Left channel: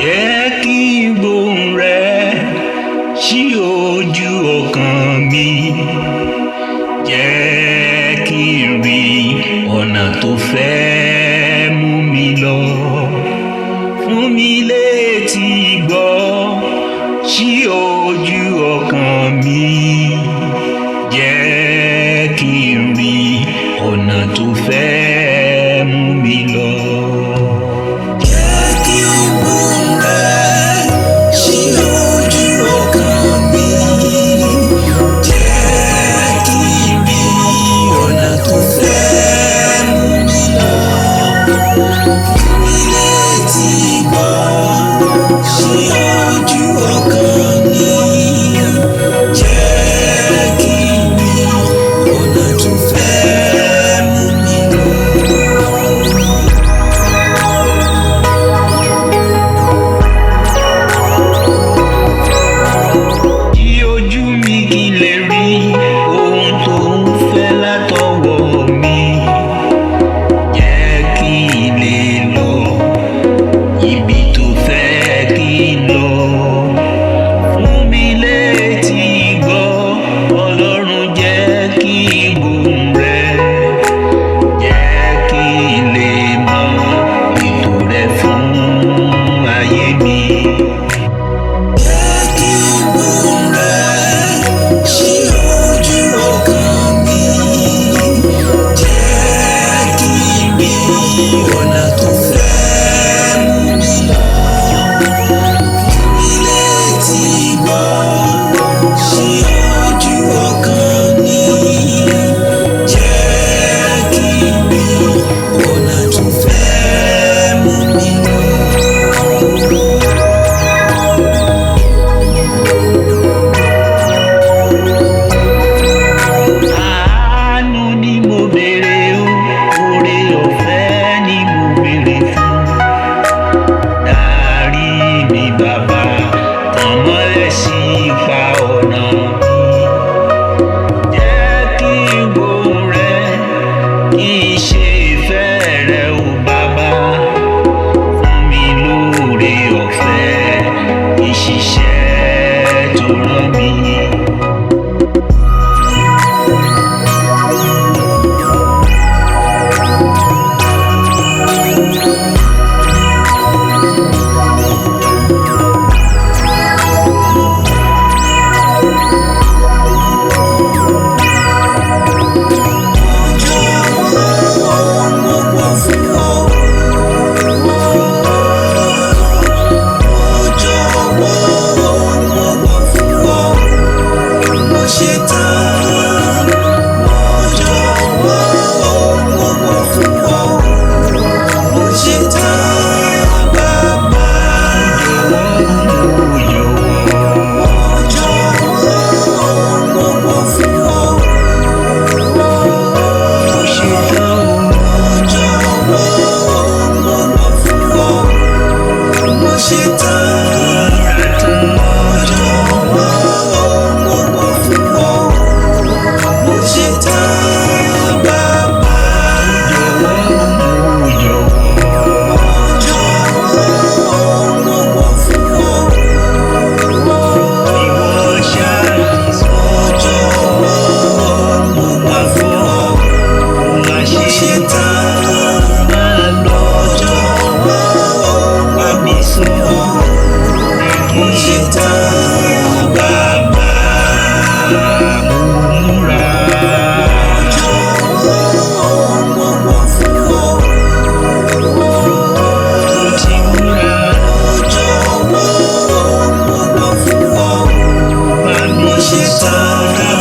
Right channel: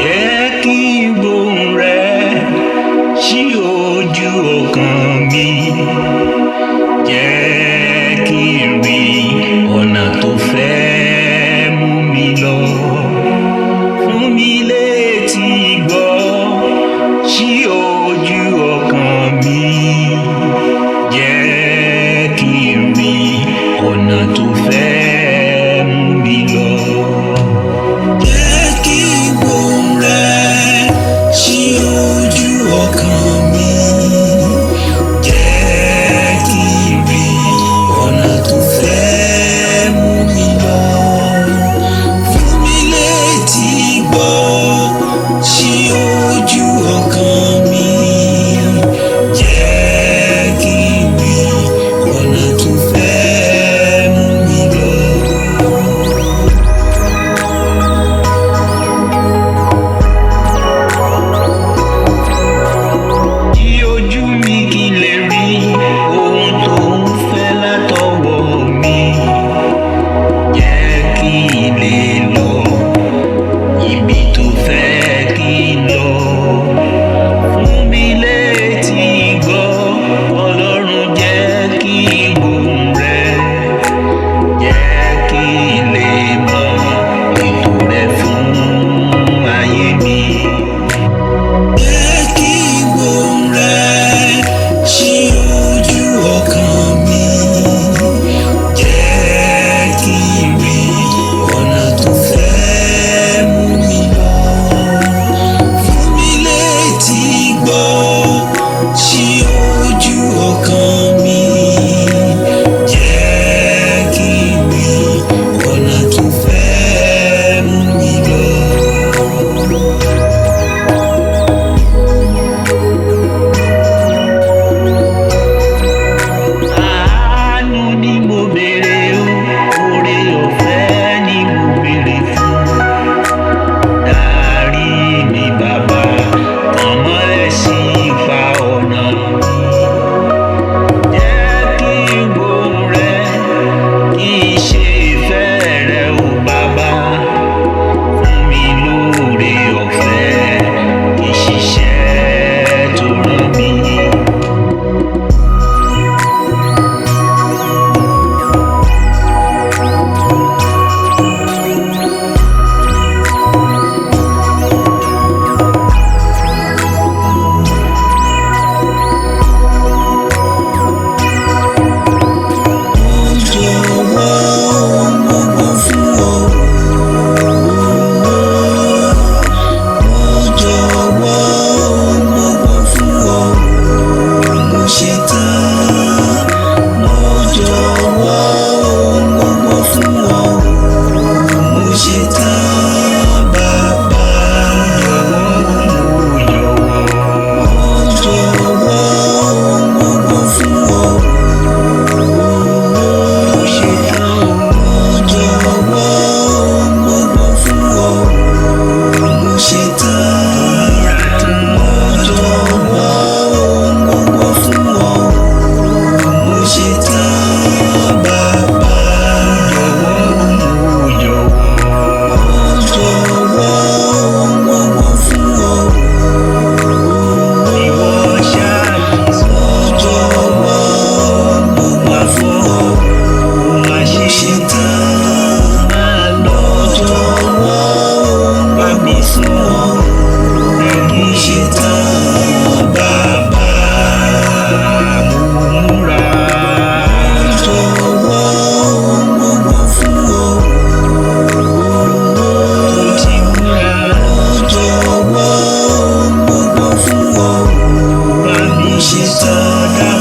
Jẹ́ kí n gbóhùn rẹ sí ojú ọkàn mi. Jẹ́ kí n rí ọ̀nà tó fẹ́ mú mi lọ. Fún mi létí gbọ́ sí ojú ọkàn mi. Jẹ́ kí n rí ọ̀nà tó fẹ́ mú mi lọ. Jẹ́ kí n gbóhùn rẹ sí ojú ọkàn mi. Jẹ́ kí n rí ọ̀nà tó fẹ́ mú mi lọ. Fún mi létí gbọ́ sí ojú ọkàn mi. Jẹ́ kí n rí ọ̀nà tó fẹ́ mú mi lọ. Kí ojú mi kí lè rí ohun tó ń fẹ́ látọwọ́ mi. Jẹ́ kí n lè lọ ibi tó fẹ́ kí n lọ. Fún mi létí gbọ́, Ọlọ́run jẹ́ kí n gbóhùn rẹ. Jẹ́ kí n lè mọ ètò rẹ fún ayé mi. Jẹ́ kí n gbóhùn rẹ sí ojú ọkàn mi. Jẹ́ kí n rí ọ̀nà tó fẹ́ mú mi lọ. Fún mi létí gbọ́ sí ojú ọkàn mi. Jẹ́ kí n rí ọ̀nà tó fẹ́ mú mi lọ. Àánú ni mo béèrè o, oore ọ̀fẹ́ ni mo béèrè fún. Dárí mi bàbá, tàn mọ́lẹ̀ sí ipa ọ̀nà mi. Jẹ́ kí n gbóhùn rẹ, kí n ṣe ìfẹ́ rẹ o bàbá. Fún mi lóore ọ̀fẹ́, kí n ṣiṣẹ́ tó rán mi. Ṣetán, mo jọ̀wọ́ ohun gbogbo fún ọ. Mo ṣetán bàbá. Mo jọ̀wọ́ ohun gbogbo fún ọ. Mo ṣetán. Mo jọ̀wọ́ ohun gbogbo fún ọ. Mo ṣetán. Mo jọ̀wọ́ ohun gbogbo fún ọ. Mo ṣetán bàbá. Mo jọ̀wọ́ ohun gbogbo fún ọ. Ìwọ ṣáà ti sọ. Mo jọ̀wọ́ ohun gbogbo fún ọ. Mo ṣetán. Máa lọ. Mo jọ̀wọ́ ohun gbogbo fún ọ. Mo ṣetán bàbá. Mo múra. Mo jọ̀wọ́ ohun gbogbo fún ọ. Mo ti múra. Mo jọ̀wọ́ ohun gbogbo fún ọ. Mo ṣetán.